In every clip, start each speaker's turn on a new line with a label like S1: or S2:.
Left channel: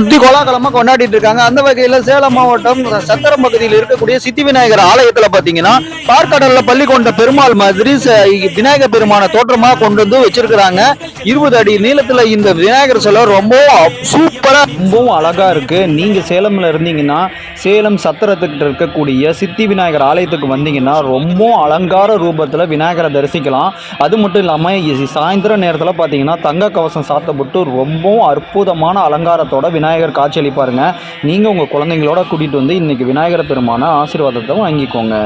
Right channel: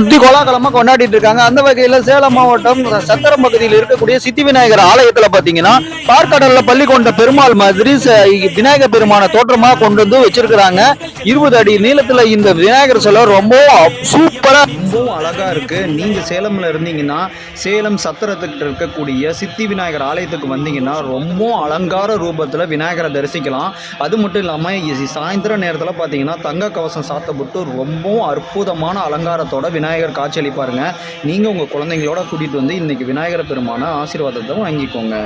S1: சுத்தி கோலாகலமா கொண்டாடிட்டு இருக்காங்க. அந்த வகையில சேலம் மாவட்டம் சத்திரம் பகுதியில் இருக்கக்கூடிய சித்தி விநாயகர் ஆலயத்துல பாத்தீங்கன்னா பார்க்கடல்ல பள்ளி கொண்ட பெருமாள் மாதிரி விநாயகர் பெருமான தோற்றமா கொண்டு வந்து வச்சிருக்கிறாங்க. இருபது அடி நீளத்துல இந்த விநாயகர் சிலை ரொம்ப சூப்பரா ரொம்பவும் அழகா இருக்கு. நீங்க சேலம்ல இருந்தீங்கன்னா சேலம் சத்திரத்துக்கிட்ட இருக்கக்கூடிய சித்தி விநாயகர் ஆலயத்துக்கு வந்தீங்கன்னா ரொம்ப அலங்கார ரூபத்துல விநாயகரை தரிசிக்கலாம். அது மட்டும் இல்லாம இ- சாயந்தர நேரத்துல பாத்தீங்கன்னா தங்க கவசம் சாத்தப்பட்டு ரொம்பவும் அற்புதமான அலங்காரத்தோட விநாயகர் விநாயகர் காட்சியளிப்பாருங்க. நீங்க உங்க குழந்தைங்களோட கூட்டிட்டு வந்து இன்னைக்கு விநாயகர் பெருமான ஆசீர்வாதத்தை வாங்கிக்கோங்க.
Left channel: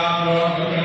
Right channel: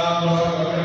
S1: Amém.